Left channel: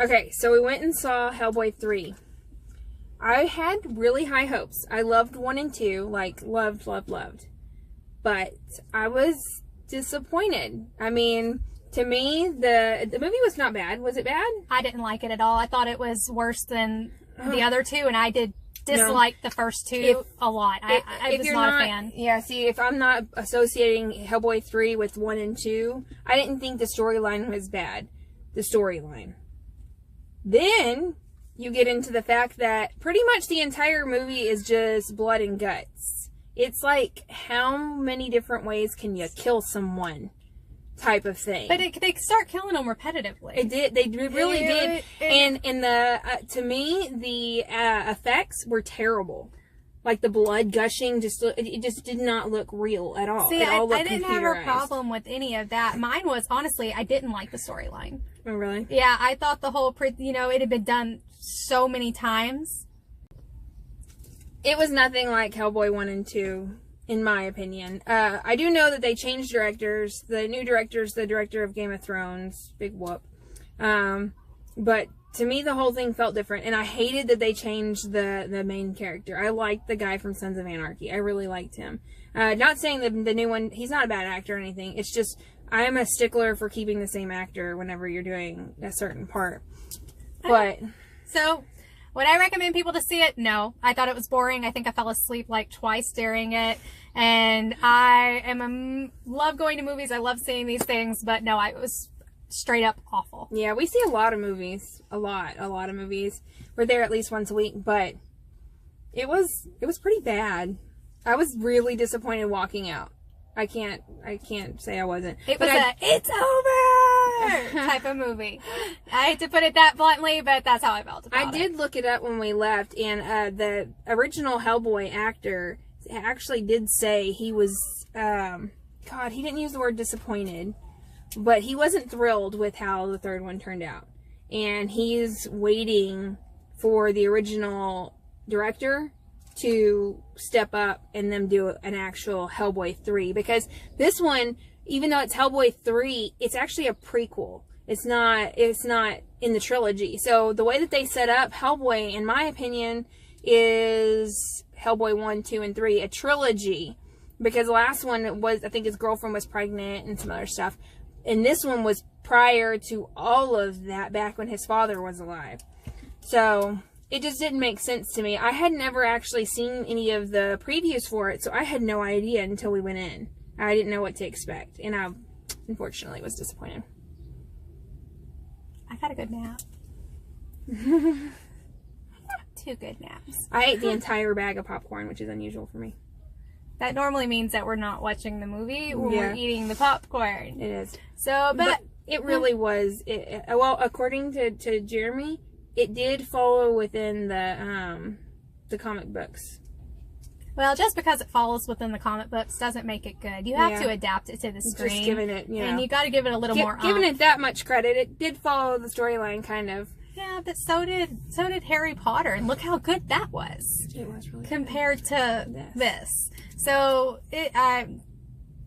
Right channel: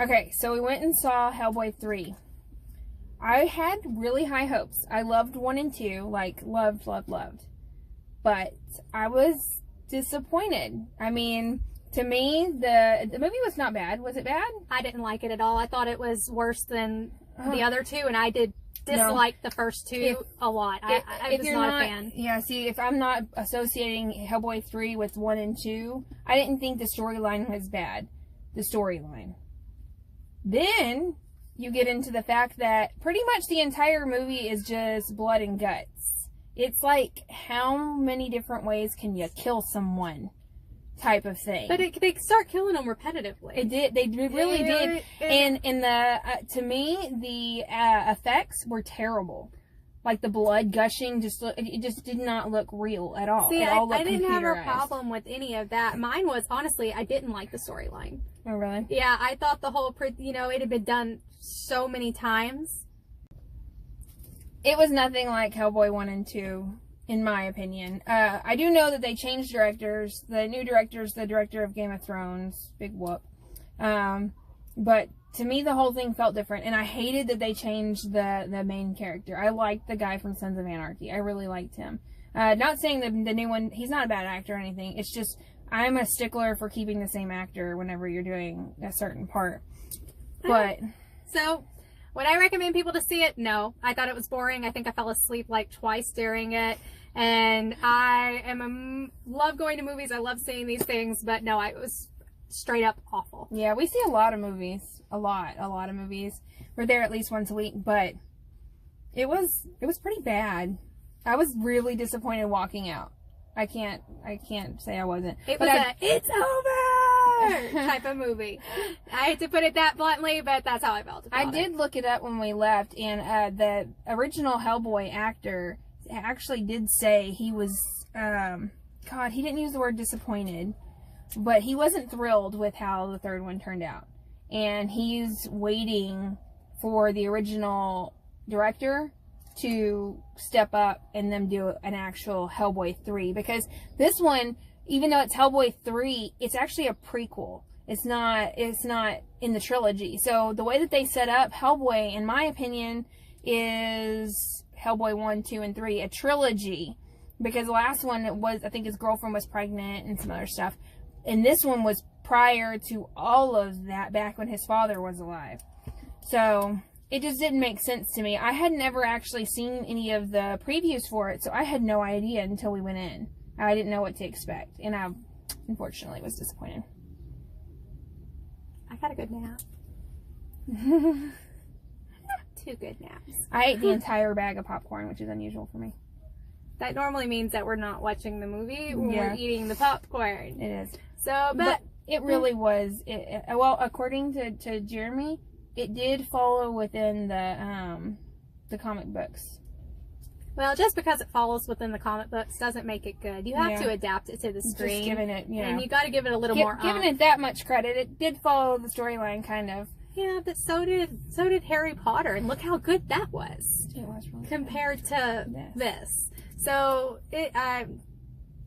Okay, so we went and saw Hellboy 3. I had really high hopes. I loved 1 and 2, like loved. But I was disappointed. I mean, to me, the movie was not bad. Was it bad? I didn't like it at all. I thought it was worse than the other two, and I did dislike the first two a lot. I was not a fan. Yeah, see, if I'm not associating Hellboy 3 with 1 and 2, I didn't think the storyline was bad. The storyline. Then you get into the fact that pretty much the entire movie is just blood and guts. It's like, how many different ways can you kill someone type of thing. But they start killing them repetitively. It did. They really did. And the to me, the effects were terrible. Like the blood gushing, it just did not look real at all. See, it all looked I didn't have a computerized. problem with any of that. Mine was, honestly, I didn't like the storyline. Oh, really? Yeah, I thought the whole, it had been done so many times. It was nothing like Hellboy 1 and 2, in my opinion. I do know that they changed directors. The new director's the director of Game of Thrones. Big whoop. But to me, the whole thing felt different. And I hated that they changed the main character. I liked the guy from Sons of Anarchy. I really liked him. Not saying that the new one, he's not a bad actor or anything. It's just, I'm a stickler for keeping the same actor whenever you're doing a certain part. But... So... would I recommend people to see it? No. I thought it was boring. I think I fell asleep like twice during it. And I love going to movies. I love seeing these things. But no, it was straight up awful. Yeah, we see a lot of movies. A lot of movies. We're there at least once a week. But it was pretty bad. I was really disappointed walking out. I can't say I wasn't. It's over type of movie. I hate to put it that bluntly, but that's how I felt about it. I did look it up when we left, and the original Hellboy actor actually did say he was, God, he didn't use the word disappointed, but he wasn't thrilled with how the third one turned out. And he's waiting for the original director to step up and them do an actual Hellboy 3, because this one, even though it's Hellboy 3, it's actually a prequel. It's not in the trilogy. So the way that they set up Hellboy, in my opinion, is Hellboy 1, 2, and 3, a trilogy, because the last one was, I think his girlfriend was pregnant and some other stuff, and this one was prior to all of that, back when his father was alive. So it just didn't make sense to me. I had never actually seen any of the previews for it, so I had no idea until we went in. I didn't know what to expect, and I, unfortunately, was disappointed. I got a good nap. 2 good naps. I ate the entire bag of popcorn, which is unusual for me. That normally means that we're not watching the movie when we're eating the popcorn. It is. So, but it really was. Well, according to Jeremy, it did follow within the comic books. Well, just because it follows within the comic books doesn't make it good. You have to adapt it to the screen. Just giving it, and you got to give it a little more. Giving it that much credit, it did follow the storyline, kind of. Yeah, but so did Harry Potter, and look how good that was. It was really compared to this. So I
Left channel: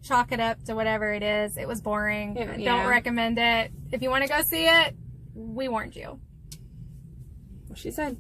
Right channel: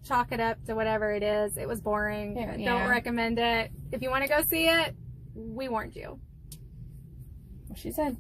chalk it up to whatever it is. It was boring. Don't recommend it. If you want to go see it, we warned you. Well, she said.